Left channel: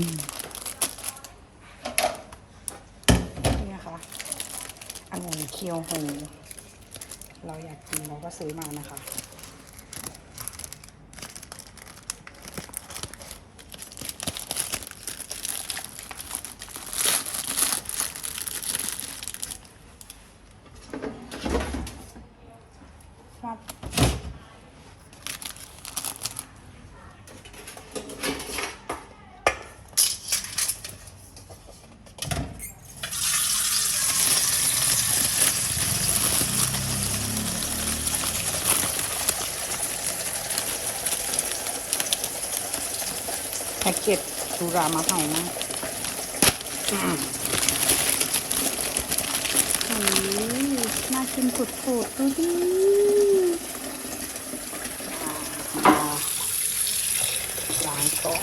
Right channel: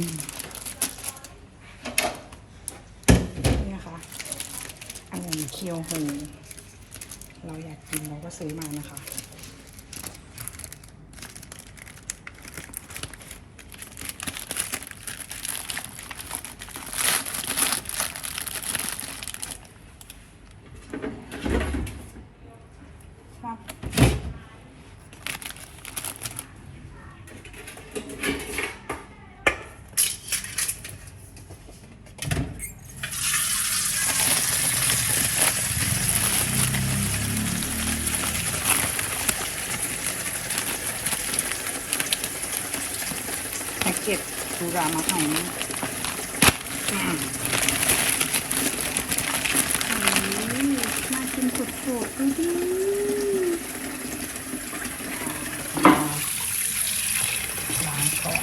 นี่นะคะอันนี้เคียวโฮเราอยากกินเราก็ซื้อมานะคะ เกจดูรามะเอานะอืมน่ากินสุดๆดูดิล้างก่อน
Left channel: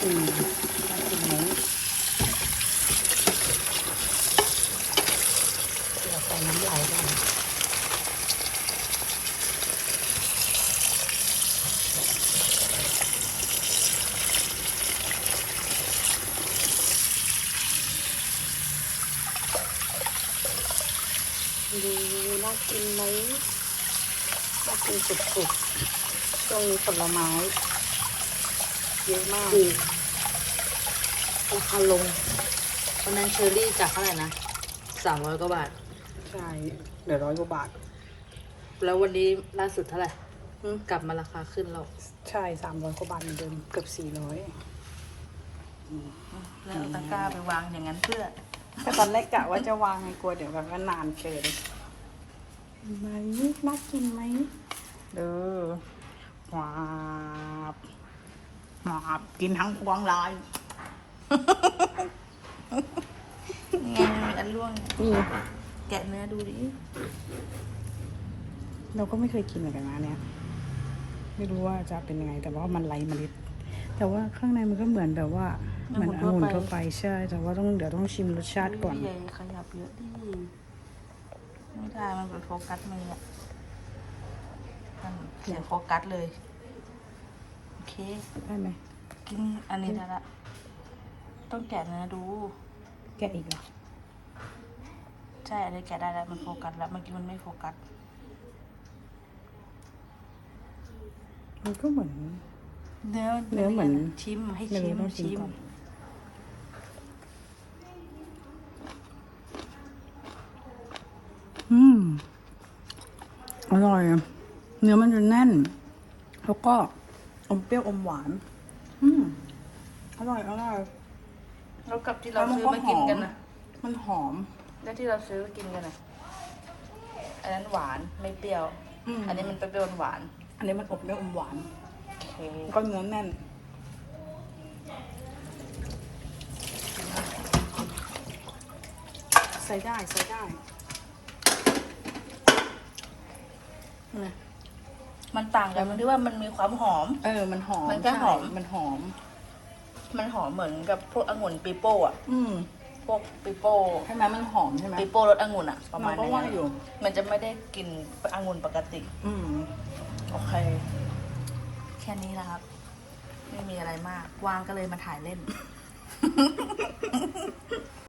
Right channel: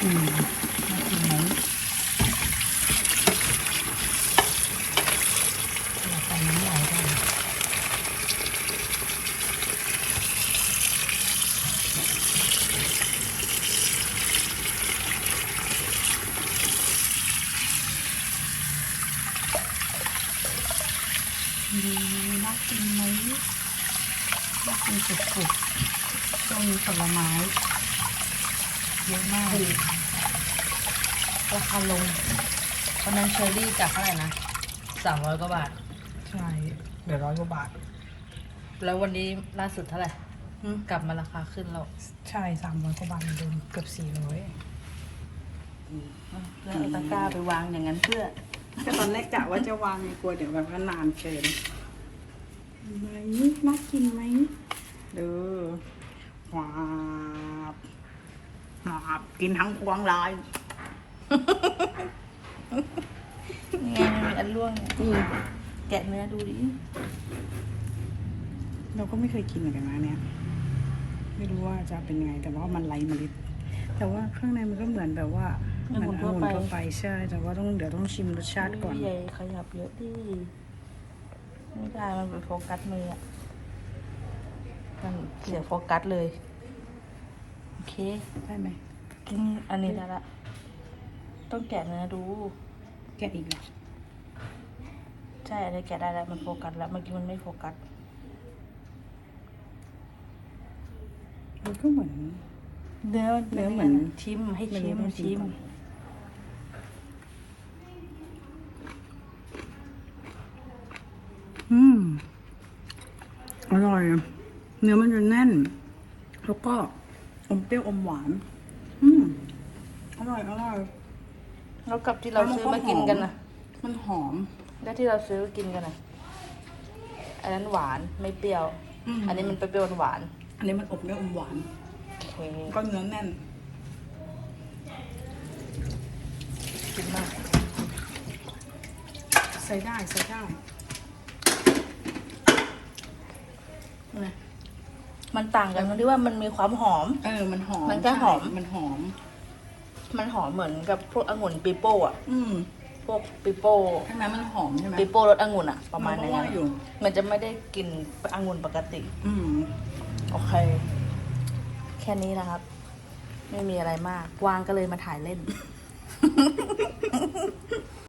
อืมเดี๋ยวใส่น้ำลายก่อน ดูน่ากินไหมน่ากินสุดๆช่วงนี้ผลไม้เยอะมากถูกราคาลงวันนั้นเชอรี่จากเท่าไหร่นะสามร้อยกว่าบาท ใช่เหลือร้อยกว่าบาท แล้ววันนี้ล่าสุดเท่าไหร่อืมกลับมาราคาขึ้นแล้ว ใช่สามร้อยกว่าบาทเหมือนเดิมเกือบสี่ร้อยแล้วเอาตะกร้าไปวางอย่างนั้นเพื่อ ตอนแรกกะว่าจะวางไงกลัวเดี๋ยวมันก็นานเกินไหมน่ากินไหมเด้อหวาบหวาบกินทั้งพวงเลยไงอันล่วงนี่แกะเนื้อดูดิเราก็ไม่เคยกินเหมือนกันนะเนี่ย ไม่รู้ว่าจะเป็นไงแต่ว่ามันไร้เมล็ด แต่ว่าข้างในมันก็เหมือนแบบว่า เหมือนองุ่นทั่วไปใช่แต่ว่าต้องเดี๋ยวต้องชิมรสชาติก่อนพี่ใหญ่ขยับเยอะดิไม่ได้มันเป็นโฟกัสมืออะมันเสียโฟกัสเลย โอเคได้ไหมกินอันนี้ได้ละต้องแกะเนื้อดู แกะอีกอะใช่อันนี้แกะได้แล้วมันโฟกัสแล้วเมื่อกี้มันไม่โฟกัสมันก็เหมือนเนื้อเนื้อเหมือนชิมให้เนื้ชิอมต้องชิม ชิม ก่อน อืม อร่อย เนื้อมันจะแน่น แล้วก็อมเปรี้ยวอมหวาน อืมอร่อยอร่อยแล้วกับที่เราซื้อมากินกันนะมันหอม แล้วที่เราซื้อมากินกันนะอันนั้นหวานไม่เปรี้ยวอืมอันนี้มันเปรี้ยวหวาน อันนี้มันอบเปรี้ยวอมหวานโอเคก็เนื้อแน่นกินมากใส่ได้ใส่ได้อืม มันต่างกันตรงที่ว่ามันมีความหอม เออ มันหอมมันก็หอมใช่มันหอม มันหอมเหมือนกับพวกองุ่นปีโป้อะอืมพวกปีโป้ใช่ไหมมันหอมใช่ไหมปีโป้รสองุ่นอะประมาณมันก็นั้นว่าอยู่มันจะไม่ได้กลินองุ่นปกติ อืมโอเค แค่นี้นะครับ ไม่มีอะไรมากวางก็เลยมาถ่ายเล่น